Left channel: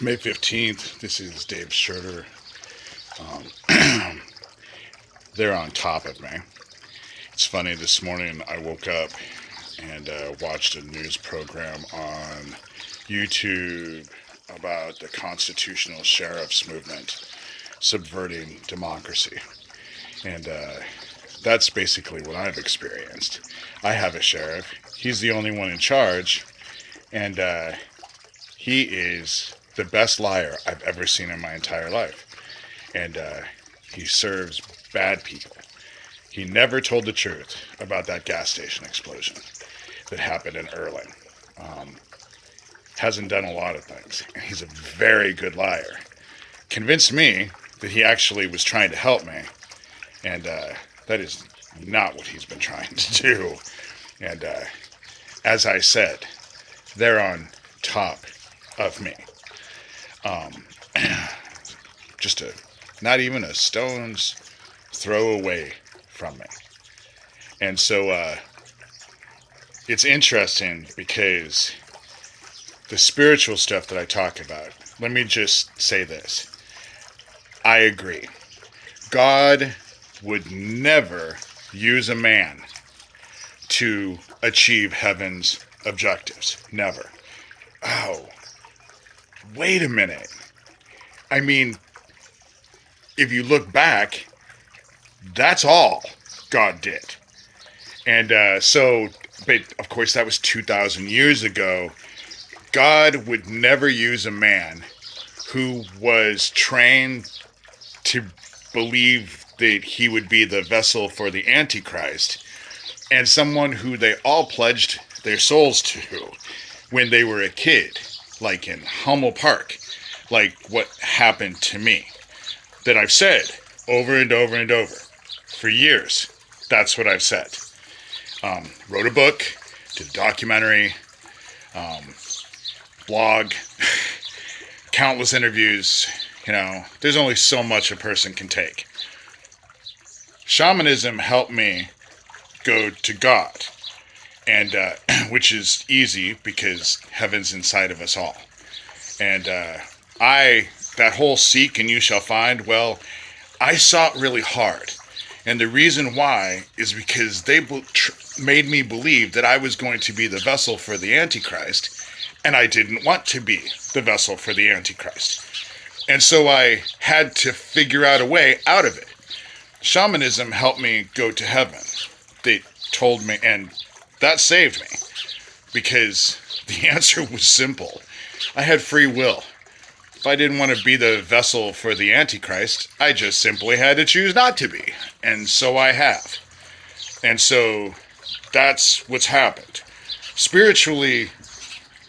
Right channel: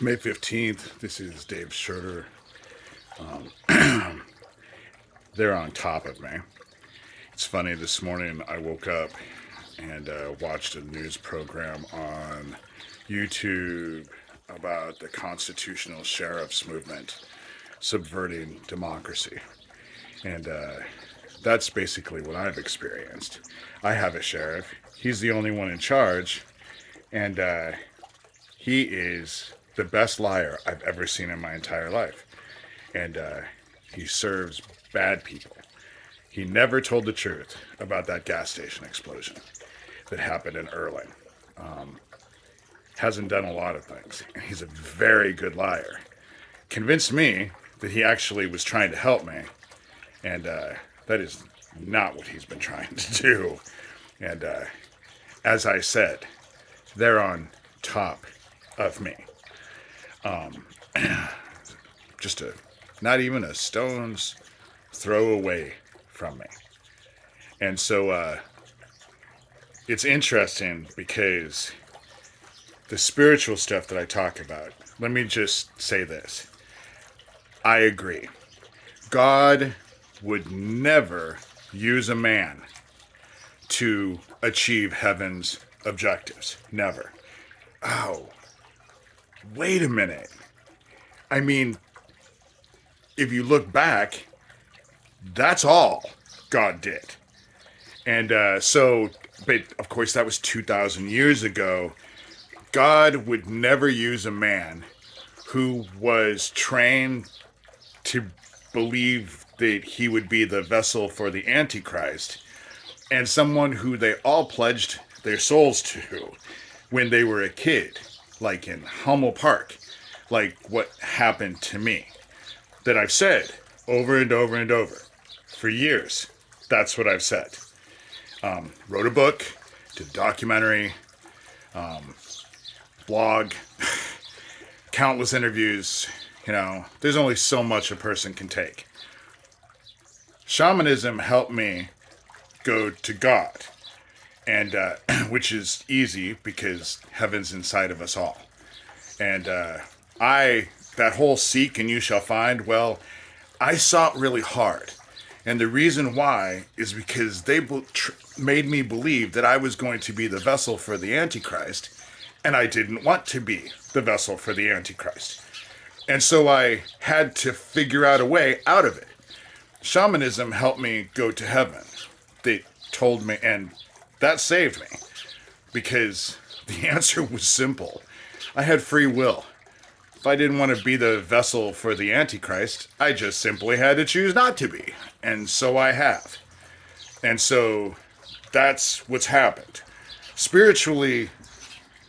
It's May 15th. This is Dave Schroeder. They're on top of me. It's funny, this morning I woke up and watched a news program on YouTube about the constitutional sheriff's movement subverting democracy. And that's basically what I've experienced. I have a sheriff. He's the only one in charge. And he is the best liar I've ever seen in my entire life. And he serves bad people. He never told the truth about that gas station explosion that happened in Erling. Hasn't done a lot of things. And he's a very good liar. Convinced me that he actually was trying to help me. And that is not what he's been trying to do. And as I said, they're on top of me. Just not even a stone's throw away from me. And so it's interesting because the spiritual stuff that I talk about, let me just say this. I agree. God would never use a man to achieve heaven's objectives. Never. Oh, wait a minute. I mean, if you look back, that's all God did. And but of course that was 2,000 years ago. God would never use a man who was trained to believe that he would be the vessel for the Antichrist, and someone who they all pledged their souls to when they were a kid, like in Hummel Park, like what happened to me, that I've said over and over and over for years. That's what I've said. Wrote a book, did a documentary, blog, countless interviews. You know, there's only so much a person can take. Shamanism helped me go to God, and which is easy because heaven's inside of us all. And that whole seek and you shall find, well, I sought really hard. And the reason why is because they made me believe that I was going to be the vessel for the Antichrist, and I didn't want to be the vessel for the Antichrist. And so I had to figure out a way out of it. Shamanism helped me go to heaven. They told me, and that saved me, because the answer was simple. I had free will. If I didn't want to be the vessel for the Antichrist, I just simply had to choose not to be. And so I have. And so that's what's happened. Spiritually,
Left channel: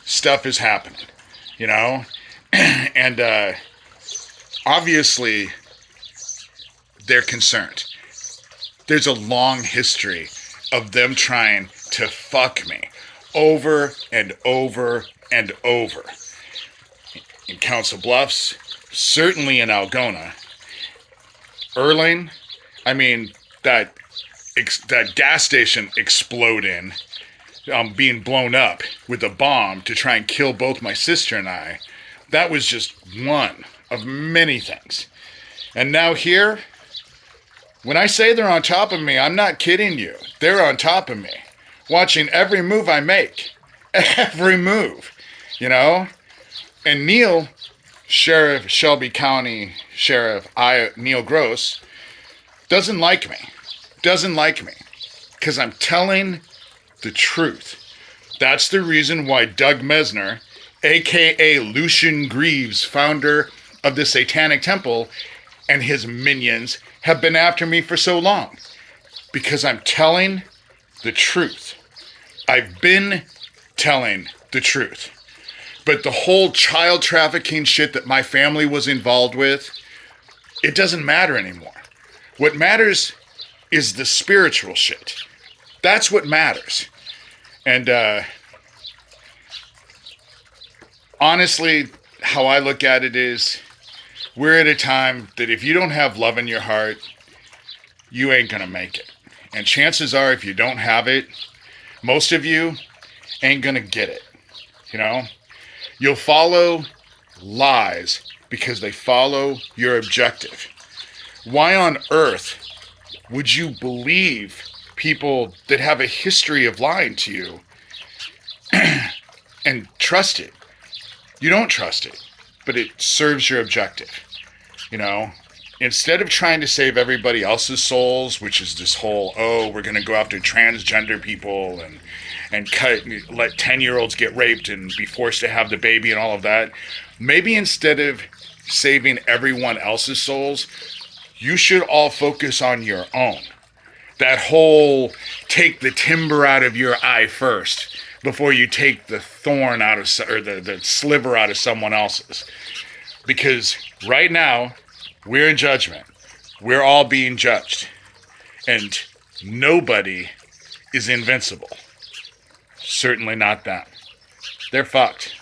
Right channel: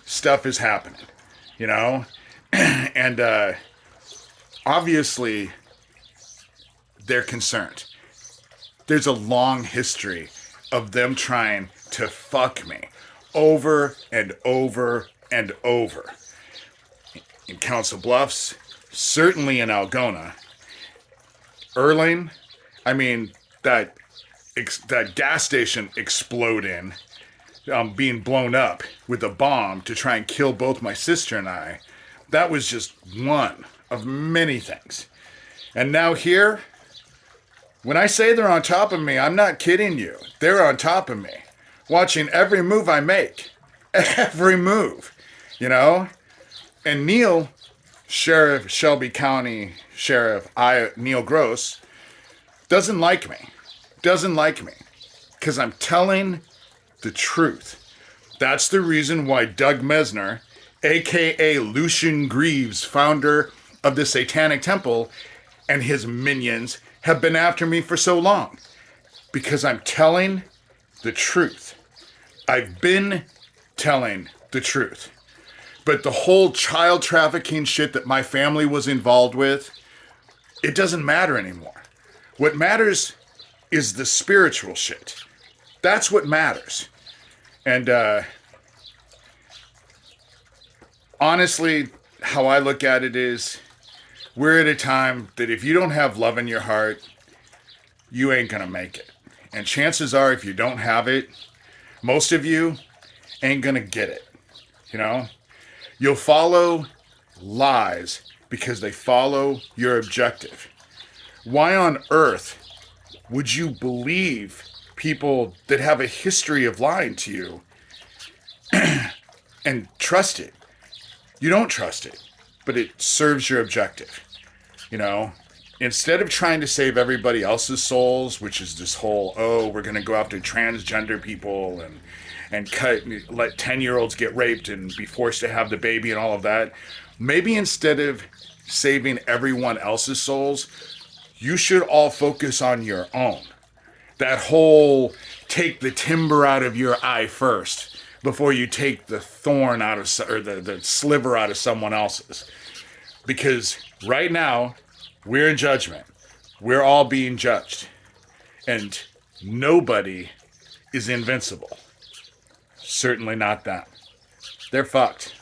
stuff is happening, you know? And obviously, they're concerned. There's a long history of them trying to fuck me over and over and over. In Council Bluffs, certainly in Algona. Erling, I mean, that gas station exploding, being blown up with a bomb to try and kill both my sister and I, that was just one of many things. And now here, when I say they're on top of me, I'm not kidding you. They're on top of me, watching every move I make. Every move, you know? And Neil, Shelby County Sheriff Neil Gross, doesn't like me. Doesn't like me. Because I'm telling the truth. That's the reason why Doug Mesner, a.k.a. Lucian Greaves, founder of the Satanic Temple, and his minions have been after me for so long. Because I'm telling the truth. I've been telling the truth. But the whole child trafficking shit that my family was involved with, it doesn't matter anymore. What matters is the spiritual shit. That's what matters. And honestly, how I look at it is, we're at a time that if you don't have love in your heart, you ain't gonna make it. And chances are, if you don't have it, most of you ain't gonna get it. You know? You'll follow lies because they follow your objective. Why on earth would you believe people that have a history of lying to you and trust it? You don't trust it, but it serves your objective. You know, instead of trying to save everybody else's souls, which is this whole, oh, we're going to go after transgender people and let 10-year-olds get raped and be forced to have the baby and all of that. Maybe instead of saving everyone else's souls, you should all focus on your own. That whole take the timber out of your eye first before you take the thorn out of, or the sliver out of someone else's. Because right now, we're in judgment. We're all being judged. And nobody is invincible. Certainly not them. They're fucked.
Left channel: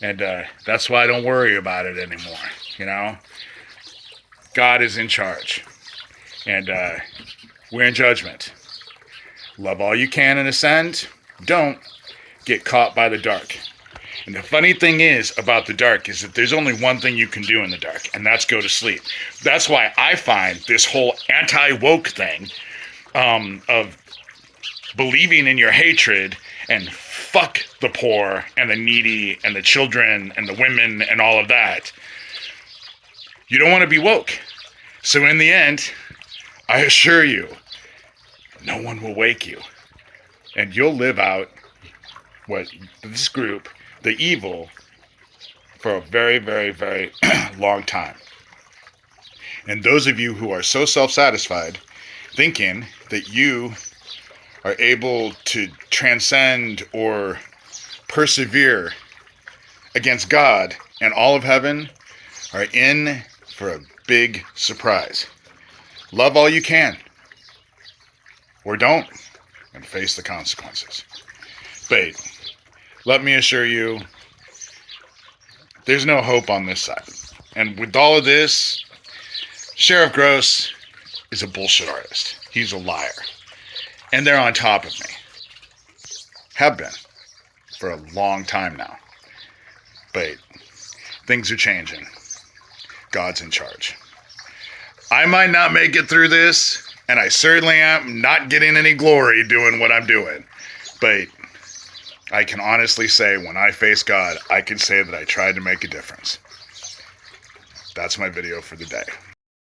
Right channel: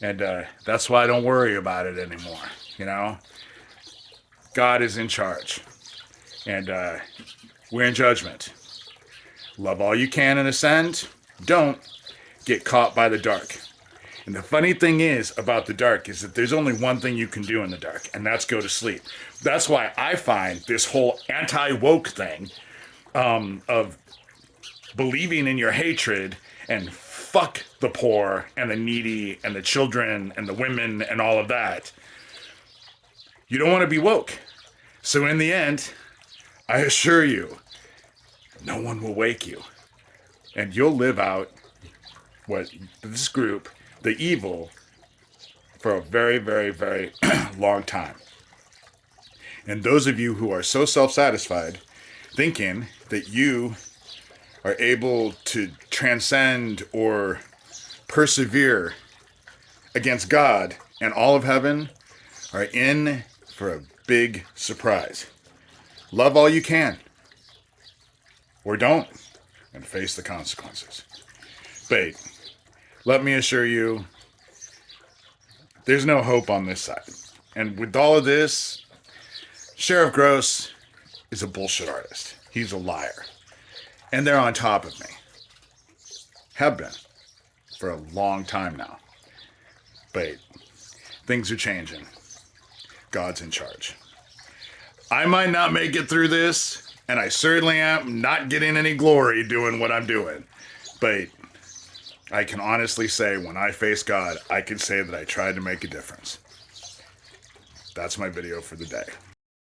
And that's why I don't worry about it anymore, you know? God is in charge. And we're in judgment. Love all you can and ascend. Don't get caught by the dark. And the funny thing is about the dark is that there's only one thing you can do in the dark, and that's go to sleep. That's why I find this whole anti-woke thing of believing in your hatred and fuck the poor and the needy and the children and the women and all of that. You don't want to be woke. So in the end, I assure you, no one will wake you. And you'll live out what this group, the evil, for a very, very, very long time. And those of you who are so self-satisfied, thinking that you are able to transcend or persevere against God and all of heaven, are in for a big surprise. Love all you can. Or don't, and face the consequences. But let me assure you, there's no hope on this side. And with all of this, Sheriff Gross is a bullshit artist. He's a liar. And they're on top of me. Have been. For a long time now. But things are changing. God's in charge. I might not make it through this, and I certainly am not getting any glory doing what I'm doing. But I can honestly say when I face God, I can say that I tried to make a difference. That's my video for the day.